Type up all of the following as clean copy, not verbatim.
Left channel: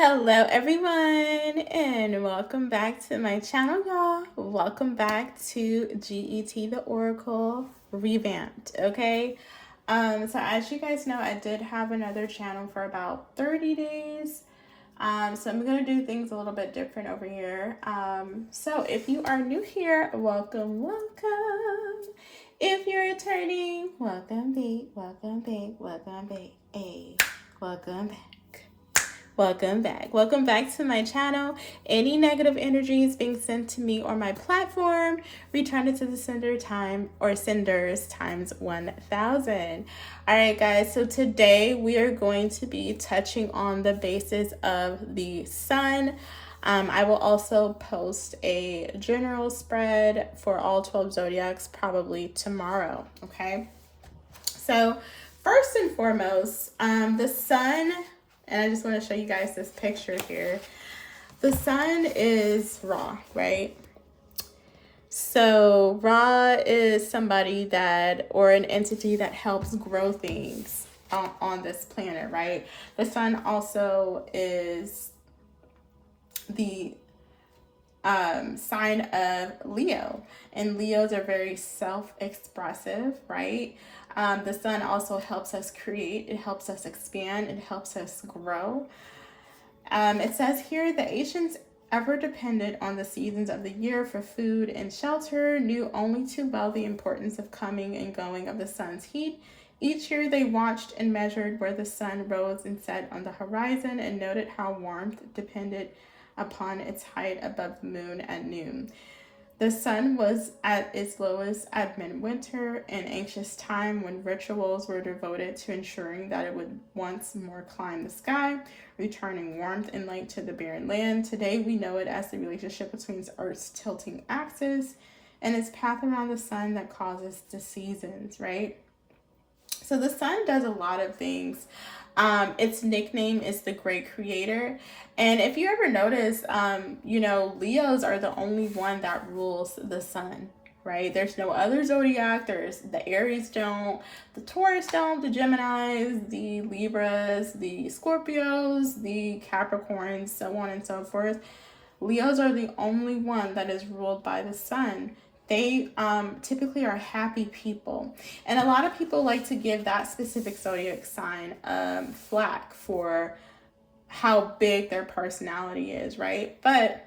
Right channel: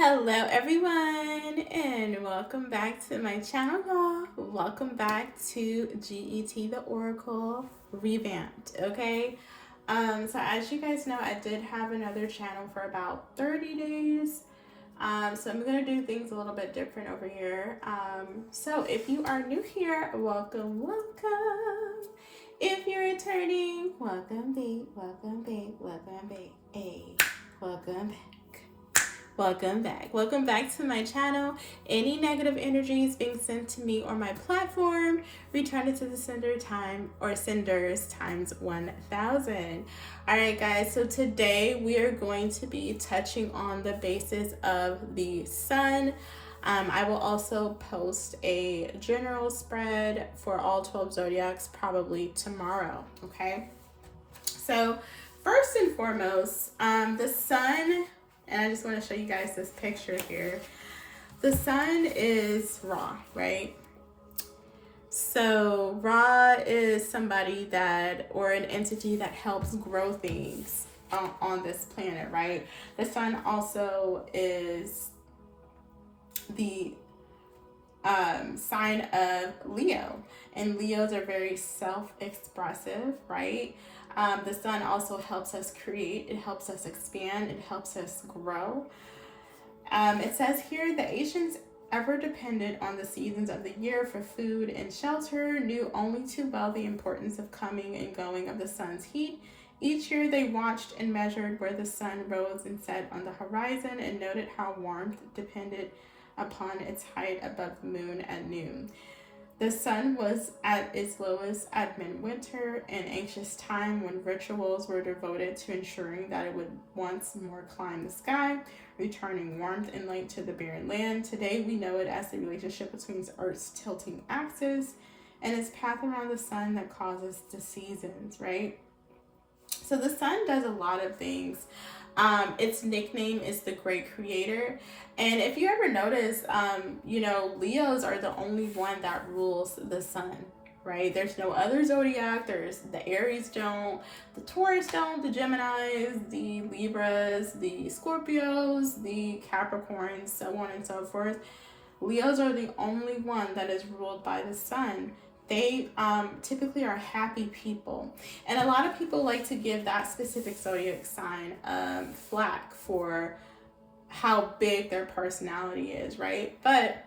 Hello everyone and welcome back to my channel, y'all. Welcome back to GET the Oracle revamped. Okay, so as you guys know, I did have another channel for about 30 days. So I'm gonna do things a little bit different over here. So if you are new here, welcome, welcome. If you're returning, welcome back, welcome back, welcome back, hey, welcome back. Welcome back. Welcome back to my channel. Any negative energies being sent to me or my platform, return it to the sender time or senders times 1,000. All right, guys. So today we are going to be touching on the basis of the sun. I will also post a general spread for all 12 zodiacs probably tomorrow. Okay. So first and foremost, the sun, and I just want to show you guys this picture here. The sun is Ra, right? So Ra is somebody that, or an entity that helps grow things on this planet, right? The sun also is the sign of Leo, and Leos are very self-expressive, right? The sun also helps us create, it helps us expand, it helps us grow. It says here the ancients, ever dependent on the seasons of the year for food and shelter, knew only too well the importance of coming and going of the sun's heat. Each year they watched and measured where the sun rose and set on the horizon and noted how warmth depended upon its height above the moon at noon. The sun was at its lowest at midwinter, an anxious time when rituals were devoted to ensuring that it would once more climb the sky, returning warmth and light to the barren land. Today we know it as the relationship between Earth's tilting axis and its path around the sun that causes the seasons, right? So the sun does a lot of things. Its nickname is the Great Creator. And if you ever notice, Leos are the only one that rules the sun, right? There's no other zodiac. There's the Aries don't, the Taurus don't, the Geminis, the Libras, the Scorpios, the Capricorns, so on and so forth. Leos are the only one that is ruled by the sun. They typically are happy people. And a lot of people like to give that specific zodiac sign flack for how big their personality is, right? But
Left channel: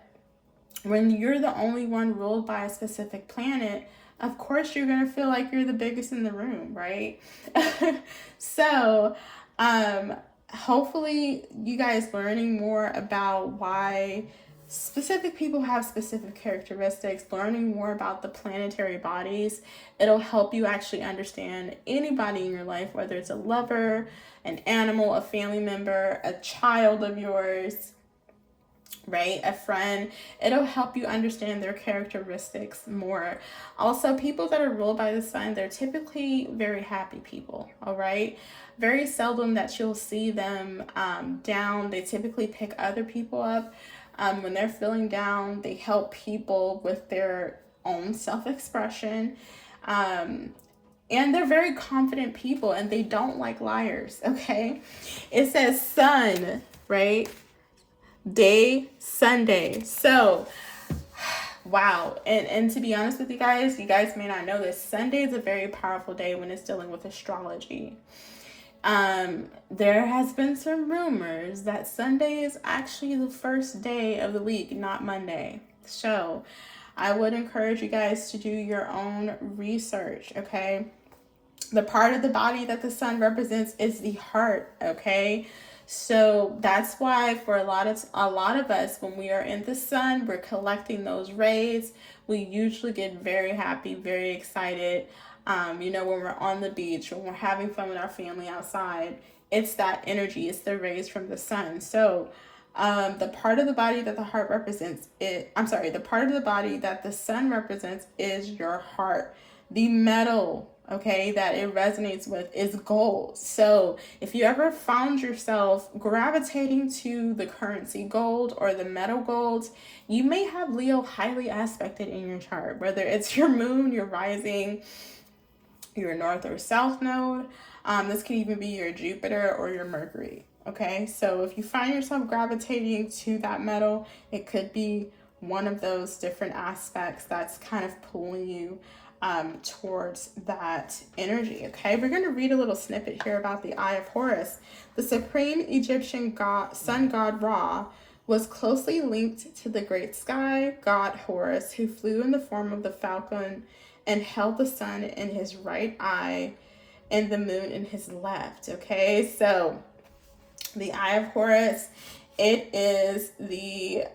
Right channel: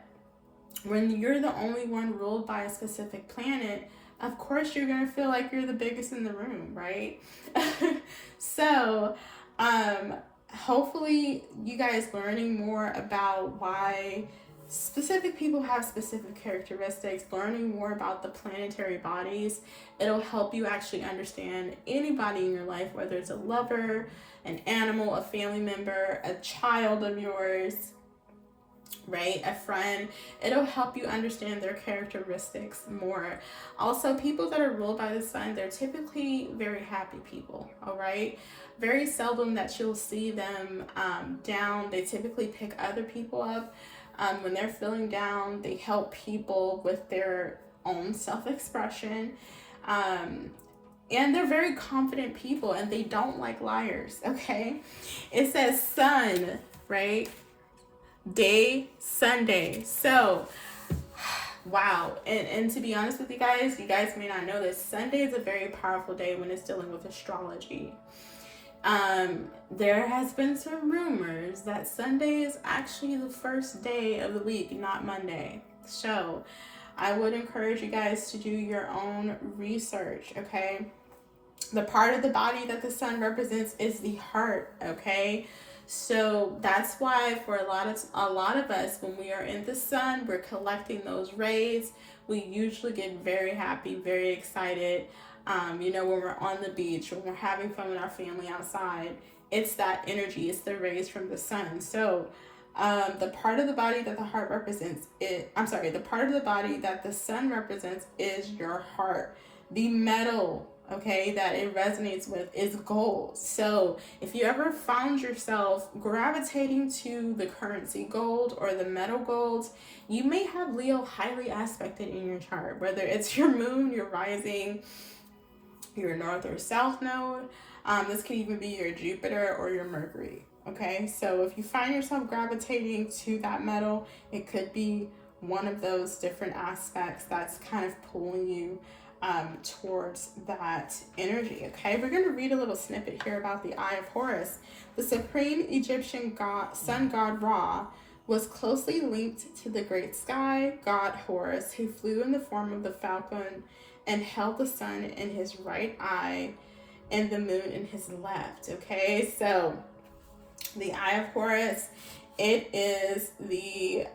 when you're the only one ruled by a specific planet, of course you're going to feel like you're the biggest in the room, right? So hopefully you guys learning more about why specific people have specific characteristics, learning more about the planetary bodies, it'll help you actually understand anybody in your life, whether it's a lover, an animal, a family member, a child of yours, right? A friend. It'll help you understand their characteristics more. Also, people that are ruled by the sun, they're typically very happy people, all right? Very seldom that you'll see them down. They typically pick other people up. When they're feeling down, they help people with their own self-expression. And they're very confident people, and they don't like liars, okay? It says sun, right? Day, Sunday. So, wow. And to be honest with you guys may not know this, Sunday is a very powerful day when it's dealing with astrology. There has been some rumors that Sunday is actually the first day of the week, not Monday. So I would encourage you guys to do your own research, okay? The part of the body that the sun represents is the heart, okay? So that's why for a lot of us, when we are in the sun, we're collecting those rays. We usually get very happy, very excited. When we're on the beach, when we're having fun with our family outside, it's that energy, it's the rays from the sun. So the part of the body that the heart represents, the part of the body that the sun represents is your heart. The metal, okay, that it resonates with is gold. So if you ever found yourself gravitating to the currency gold or the metal golds, you may have Leo highly aspected in your chart, whether it's your moon, your rising, your north or south node. This can even be your Jupiter or your Mercury. Okay, so if you find yourself gravitating to that metal, it could be one of those different aspects that's kind of pulling you towards that energy. Okay, we're going to read a little snippet here about the Eye of Horus. The supreme Egyptian sun god Ra was closely linked to the great sky god Horus, who flew in the form of the falcon and held the sun in his right eye and the moon in his left. Okay, so the Eye of Horus, it is the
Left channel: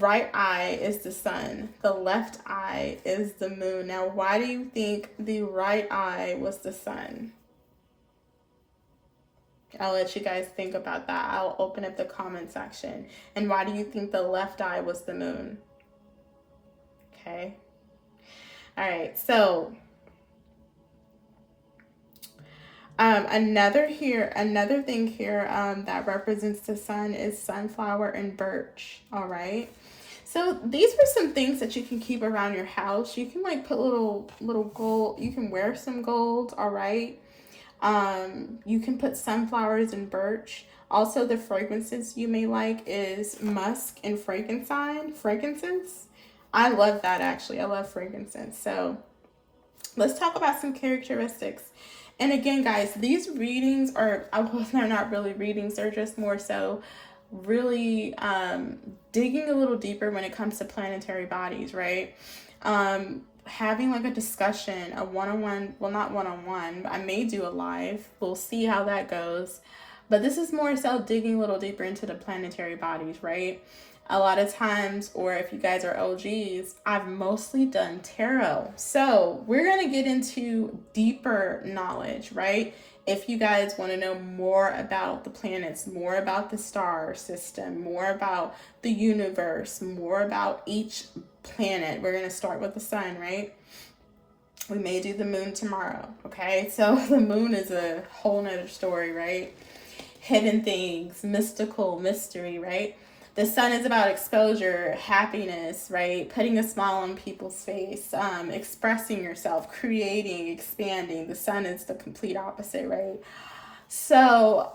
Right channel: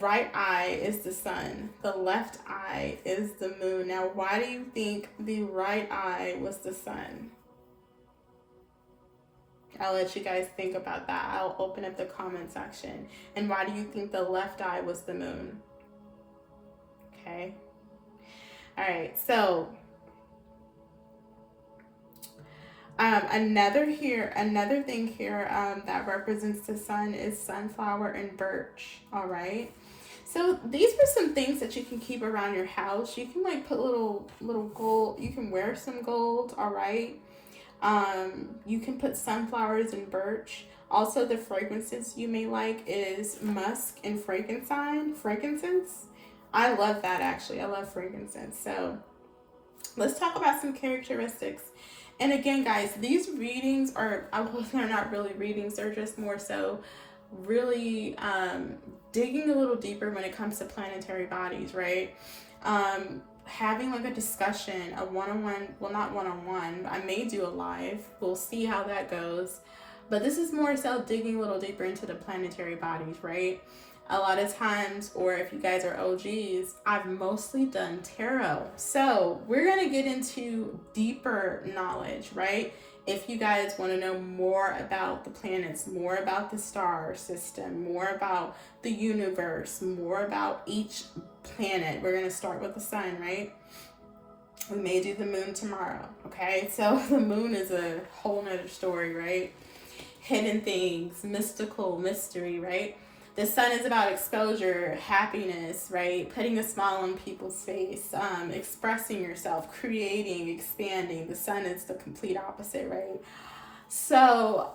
right eye is the sun, the left eye is the moon. Now, why do you think the right eye was the sun? I'll let you guys think about that. I'll open up the comment section. And why do you think the left eye was the moon? Okay. All right. So another thing here that represents the sun is sunflower and birch. All right. So these are some things that you can keep around your house. You can like put little gold. You can wear some gold. All right. You can put sunflowers and birch. Also, the fragrances you may like is musk and frankincense. I love that, actually. I love frankincense. So let's talk about some characteristics. And again, guys, these readings are, well, they're not really readings. They're just more so really digging a little deeper when it comes to planetary bodies, right? Having like a discussion, a one-on-one, well, not one-on-one, I may do a live. We'll see how that goes. But this is more so digging a little deeper into the planetary bodies, right? A lot of times, or if you guys are OGs, I've mostly done tarot. So we're going to get into deeper knowledge, right? If you guys want to know more about the planets, more about the star system, more about the universe, more about each planet, we're going to start with the sun, right? We may do the moon tomorrow, okay? So the moon is a whole nother story, right? Hidden things, mystical, mystery, right? The sun is about exposure, happiness, right? Putting a smile on people's face, expressing yourself, creating, expanding. The sun is the complete opposite, right? So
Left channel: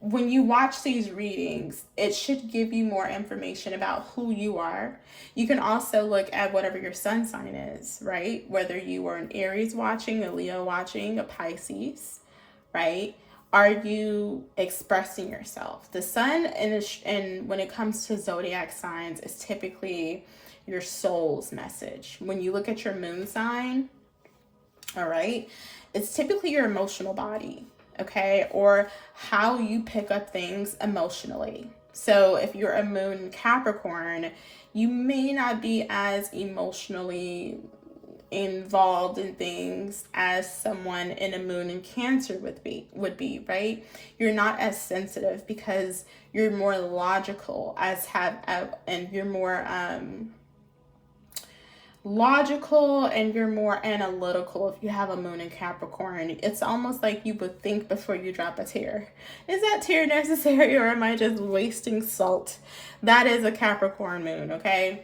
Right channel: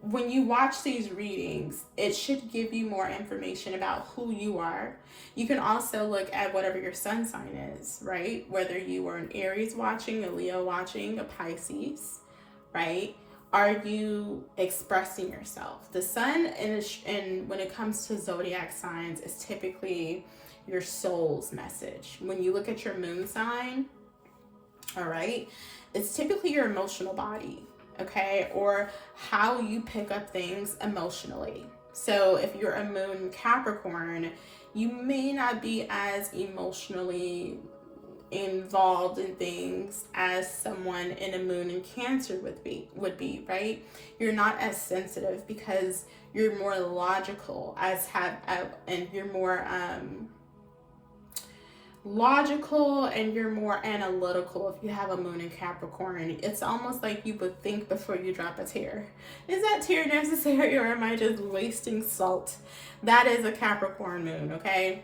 when you watch these readings, it should give you more information about who you are. You can also look at whatever your sun sign is, right? Whether you are an Aries watching, a Leo watching, a Pisces, right? Are you expressing yourself? The sun, and when it comes to zodiac signs, is typically your soul's message. When you look at your moon sign, all right, it's typically your emotional body, okay, or how you pick up things emotionally. So if you're a moon Capricorn, you may not be as emotionally involved in things as someone in a moon in Cancer would be, right? You're not as sensitive because you're more logical and you're more logical and you're more analytical if you have a moon in Capricorn. It's almost like you would think before you drop a tear. Is that tear necessary, or am I just wasting salt? That is a Capricorn moon, okay?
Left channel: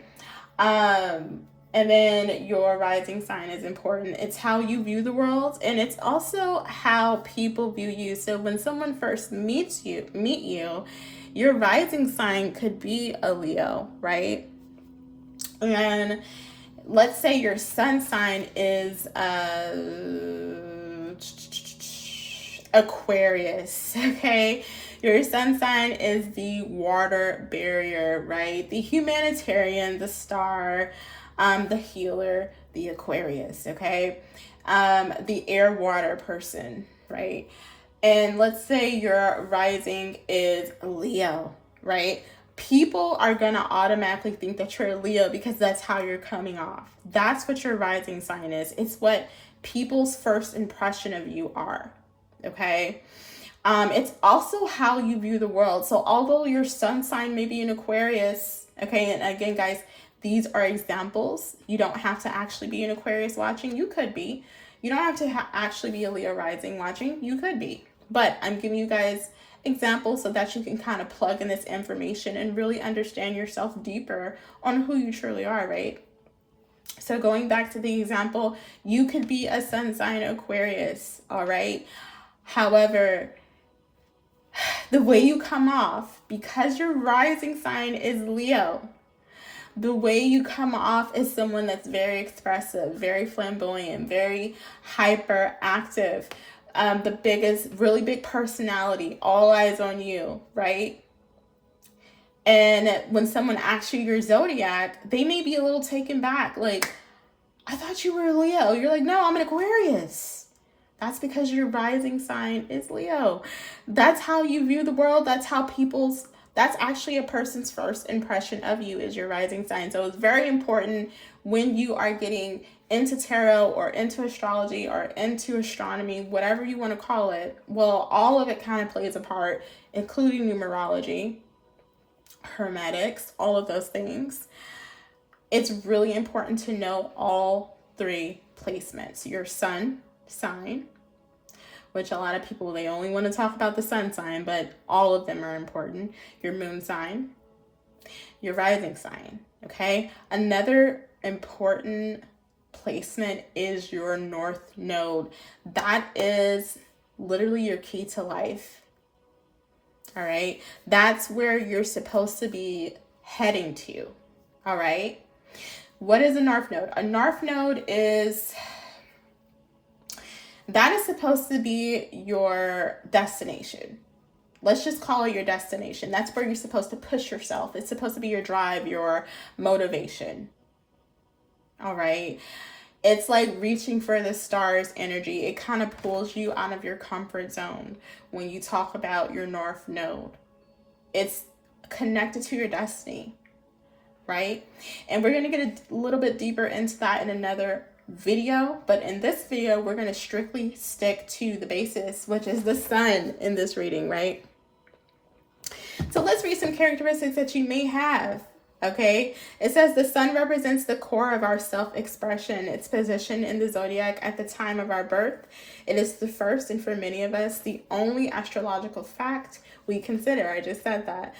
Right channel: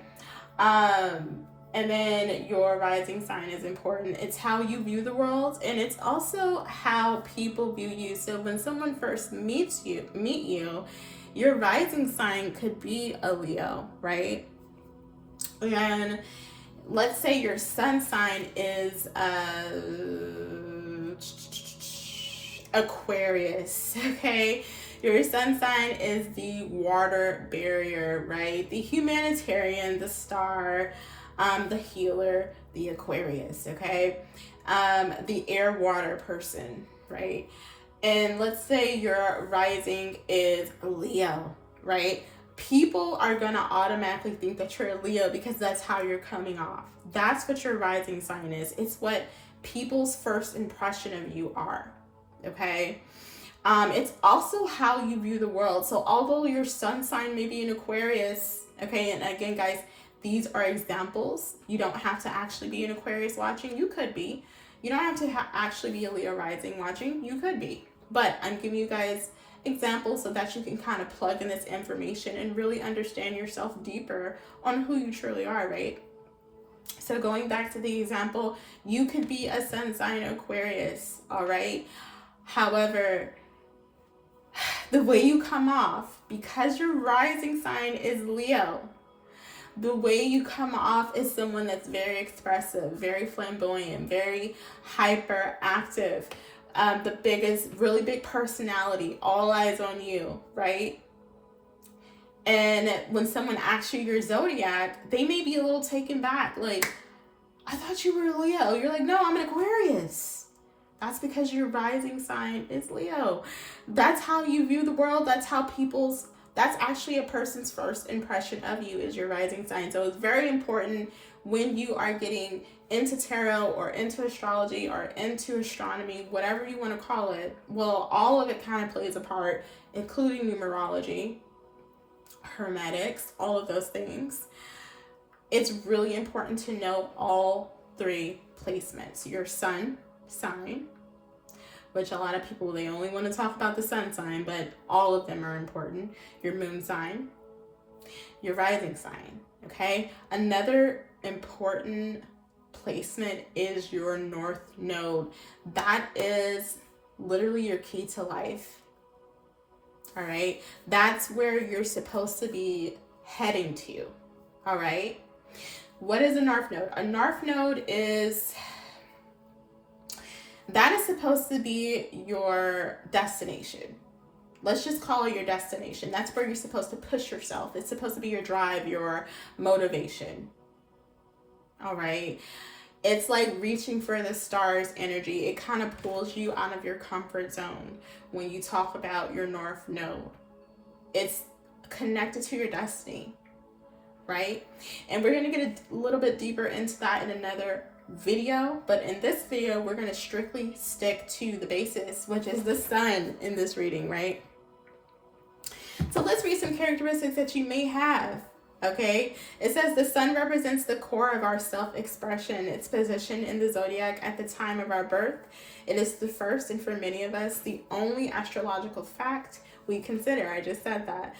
And then your rising sign is important. It's how you view the world, and it's also how people view you. So when someone first meet you, your rising sign could be a Leo, right? And let's say your sun sign is Aquarius, okay? Your sun sign is the water barrier, right? The humanitarian, the star, the healer, the Aquarius, okay? The air water person, right? And let's say your rising is Leo, right? People are going to automatically think that you're a Leo because that's how you're coming off. That's what your rising sign is. It's what people's first impression of you are, okay? It's also how you view the world. So although your sun sign may be in Aquarius, okay, and again, guys, these are examples. You don't have to actually be an Aquarius watching. You could be. You don't have to actually be a Leo rising watching. You could be. But I'm giving you guys examples so that you can kind of plug in this information and really understand yourself deeper on who you truly are, right? So going back to the example, you could be a sun sign Aquarius, all right? However, the way you come off, because your rising sign is Leo, the way you come off is someone that's very expressive, very flamboyant, very hyperactive, really big personality, all eyes on you, right? And when someone asks you your zodiac, they may be a little taken back. Like, I thought you were a Leo. You're like, no, I'm an Aquarius. That's because your rising sign is Leo. That's how you view the world. That's actually a person's first impression of you is your rising sign. So it's very important when you are getting into tarot or into astrology or into astronomy, whatever you want to call it. Well, all of it kind of plays a part, including numerology, hermetics, all of those things. It's really important to know all three placements. Your sun sign, which a lot of people, they only want to talk about the sun sign, but all of them are important. Your moon sign, your rising sign, okay? Another important placement is your north node. That is literally your key to life, all right? That's where you're supposed to be heading to, all right? What is a north node? A north node is supposed to be your destination. Let's just call it your destination. That's where you're supposed to push yourself. It's supposed to be your drive, your motivation. All right. It's like reaching for the stars energy. It kind of pulls you out of your comfort zone when you talk about your north node. It's connected to your destiny, right? And we're going to get a little bit deeper into that in another video, but in this video we're going to strictly stick to the basis, which is the sun in this reading, right? So let's read some characteristics that you may have. Okay, it says the sun represents the core of our self-expression. Its position in the zodiac at the time of our birth. It is the first, and for many of us, the only astrological fact we consider. I just said that.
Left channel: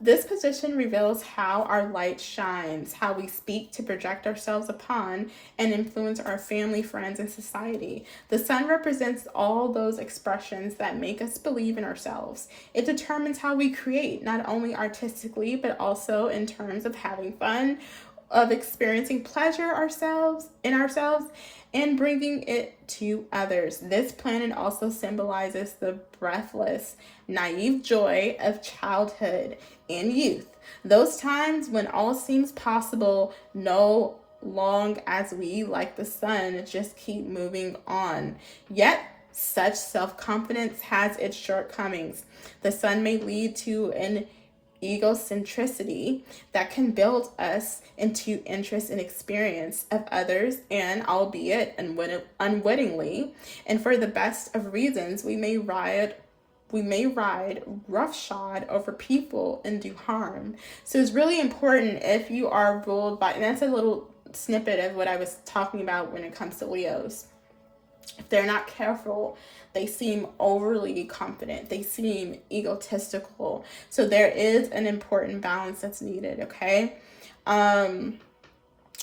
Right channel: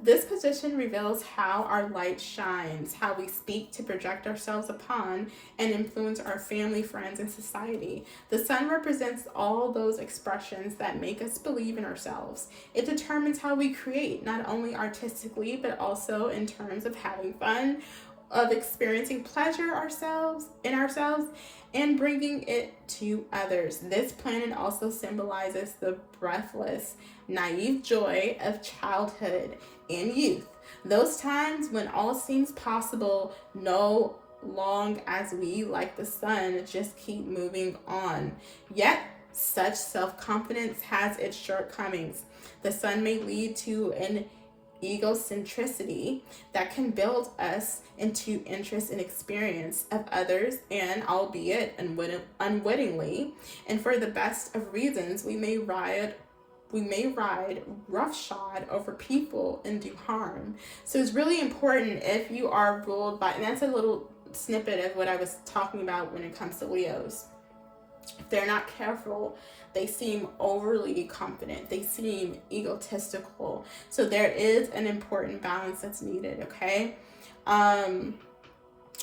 This position reveals how our light shines, how we speak to project ourselves upon and influence our family, friends, and society. The sun represents all those expressions that make us believe in ourselves. It determines how we create, not only artistically, but also in terms of having fun, of experiencing pleasure in ourselves, and bringing it to others. This planet also symbolizes the breathless, naive joy of childhood and youth. Those times when all seems possible, no long as we, like the sun, just keep moving on. Yet, such self-confidence has its shortcomings. The sun may lead to an egocentricity that can build us into interest and experience of others, and albeit unwittingly, and for the best of reasons, we may ride roughshod over people and do harm. So it's really important if you are ruled by, and that's a little snippet of what I was talking about when it comes to Leos. If they're not careful, they seem overly confident. They seem egotistical. So there is an important balance that's needed, okay?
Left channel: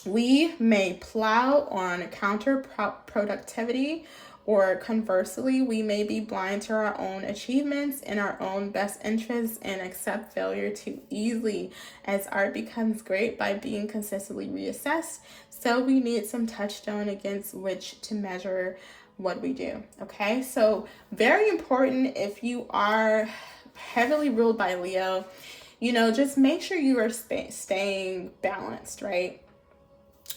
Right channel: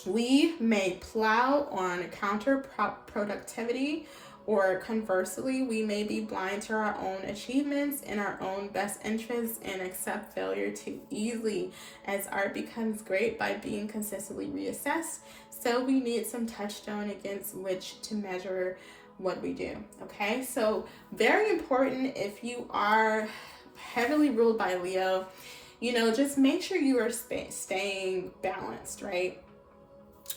We may plow on counterproductivity, or conversely, we may be blind to our own achievements and our own best interests and accept failure too easily. As art becomes great by being consistently reassessed, so we need some touchstone against which to measure what we do. Okay, so very important if you are heavily ruled by Leo, just make sure you are staying balanced, right?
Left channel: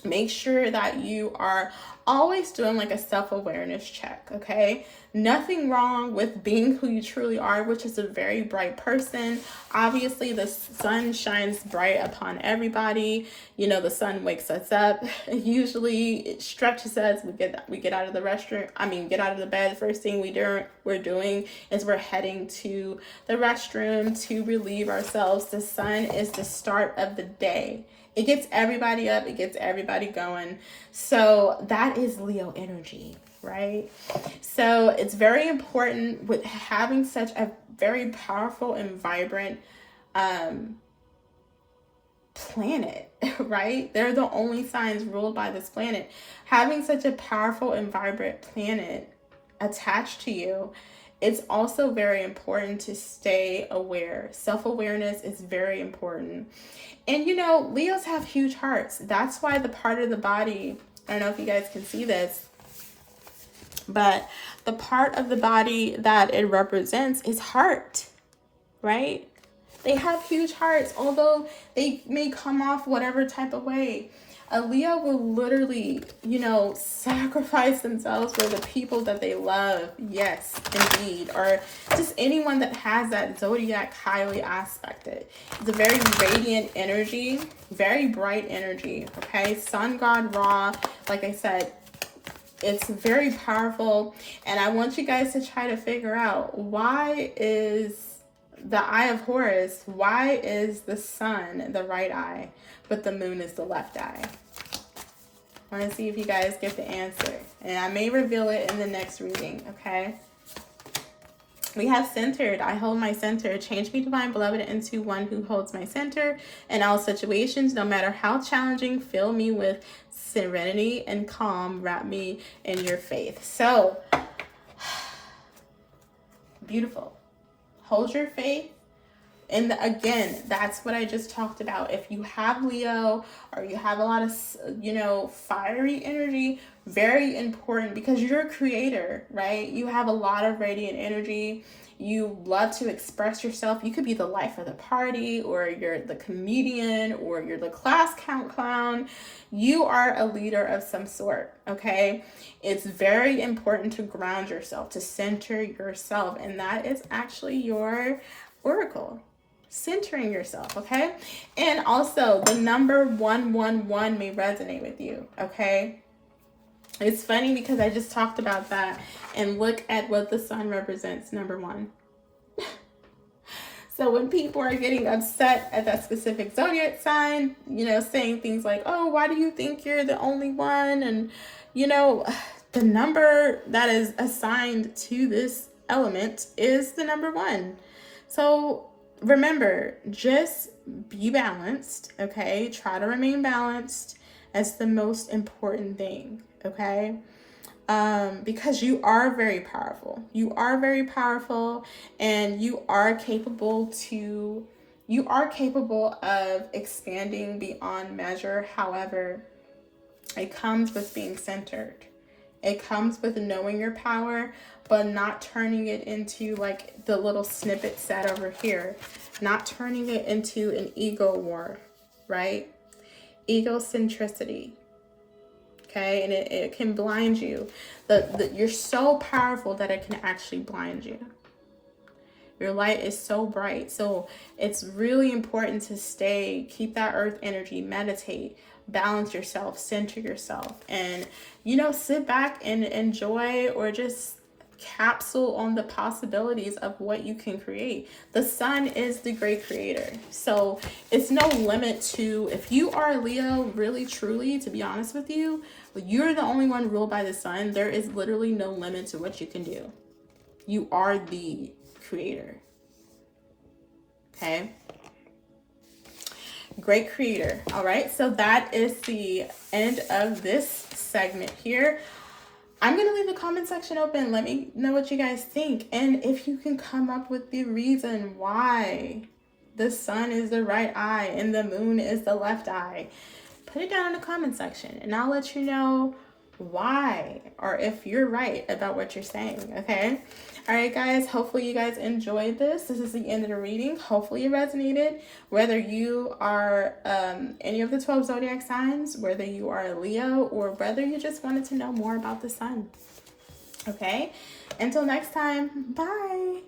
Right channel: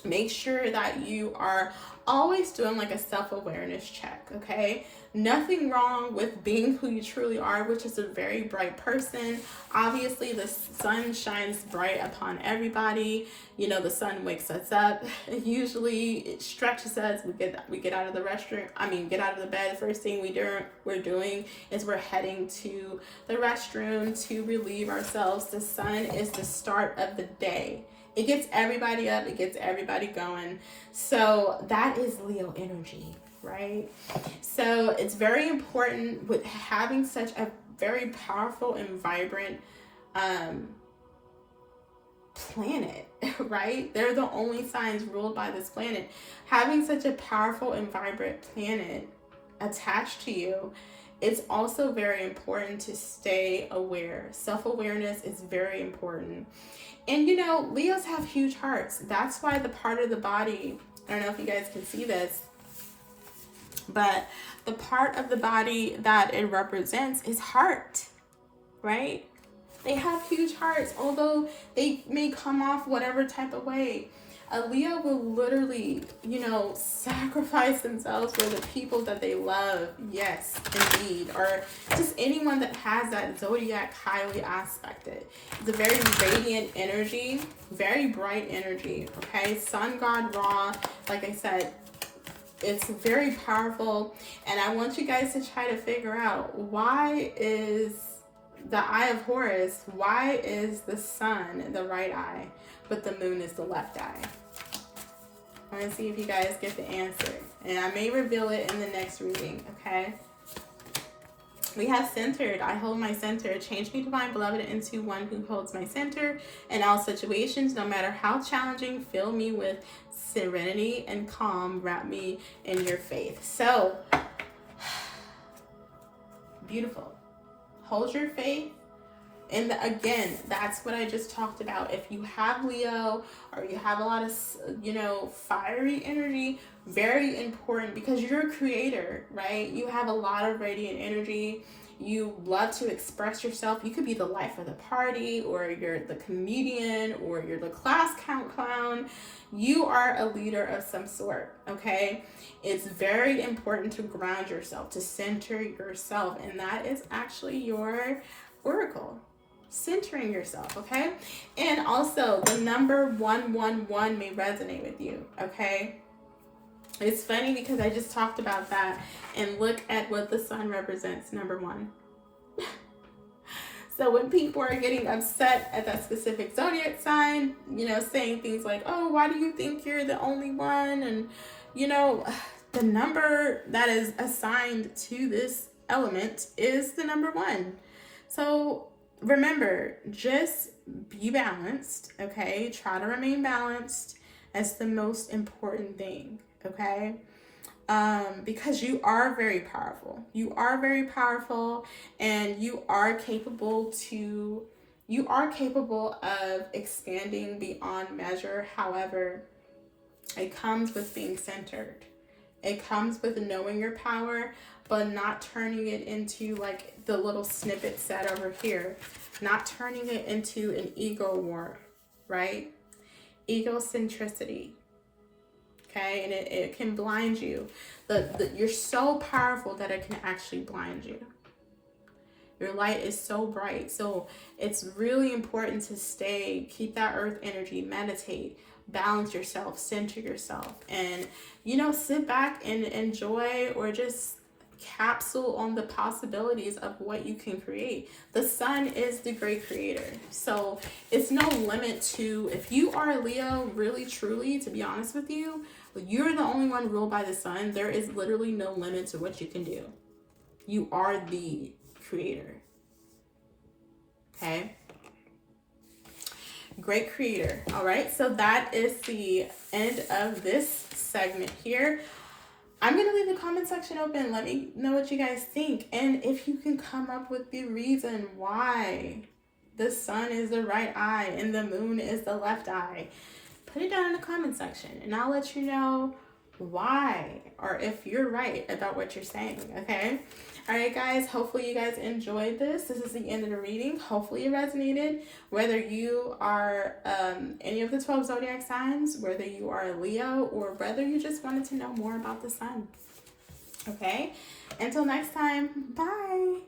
Make sure that you are always doing like a self-awareness check, okay? Nothing wrong with being who you truly are, which is a very bright person. Obviously, the sun shines bright upon everybody. The sun wakes us up. Usually, it stretches us. We get out of the get out of the bed. First thing we're doing is we're heading to the restroom to relieve ourselves. The sun is the start of the day. It gets everybody up. It gets everybody going. So that is Leo energy, right? So it's very important with having such a very powerful and vibrant planet, right? They're the only signs ruled by this planet. Having such a powerful and vibrant planet attached to you, it's also very important to stay aware. Self-awareness is very important. And you know, Leos have huge hearts. That's why the part of the body, I don't know if you guys can see this, but the part of the body that it represents is heart, right? They have huge hearts, although they may come off whatever type of way. A Leo will literally, you know, sacrifice themselves for the people that they love. Yes, indeed. Or just anyone that has that zodiac highly aspected. It's a very radiant energy, very bright energy, okay? Sun God Ra, like I said, it's very powerful. And I want you guys to try to figure out, why is the eye of Horus, why is the sun the right eye, but the moon is the left eye? I want to see if you guys get the answer. And I may reveal it in the next reading, okay? We have centered. I hold my center. Change me, divine beloved, into one who holds my center in all situations, no matter how challenging. Fill me with serenity and calm. Wrap me in your faith. So, beautiful. Hold your faith. And again, that's what I just talked about. If you have Leo, or you have a lot of, you know, fiery energy, very important, because you're a creator, right? You have a lot of radiant energy. You love to express yourself. You could be the life of the party, or you're the comedian, or you're the class count clown. You are a leader of some sort, okay? It's very important to ground yourself, to center yourself. And that is actually your oracle. Centering yourself, okay? And also, the number 111 may resonate with you, okay? It's funny because I just talked about that, and look at what the sun represents, number 1. So when people are getting upset at that specific zodiac sign, you know, saying things like, oh, why do you think you're the only one? And, you know, the number that is assigned to this element is the number 1. So remember, just be balanced, okay? Try to remain balanced. That's the most important thing, okay? Because you are very powerful. You are very powerful, and you are capable of expanding beyond measure. However, it comes with being centered. It comes with knowing your power, but not turning it into like the little snippet set over here. Not turning it into an ego war, right? Egocentricity. Okay, and it can blind you. You're so powerful that it can actually blind you. Your light is so bright. So it's really important to keep that earth energy, meditate, balance yourself, center yourself, and, you know, sit back and enjoy, or just capsule on the possibilities of what you can create. The sun is the great creator. So it's no limit to, if you are Leo, really, truly, to be honest with you, you're the only one ruled by the sun. There is literally no limit to what you can do. You are the creator. Okay? Great creator. All right, so that is the end of this segment here. I'm going to leave the comment section open. Let me know what you guys think. And if you can come up with the reason why the sun is the right eye and the moon is the left eye, put it down in the comment section, and I'll let you know why, or if you're right about what you're saying, okay? All right, guys, hopefully you guys enjoyed this. This is the end of the reading. Hopefully it resonated. Whether you are any of the 12 zodiac signs, whether you are a Leo, or whether you just wanted to know more about the sun, okay? Until next time, bye.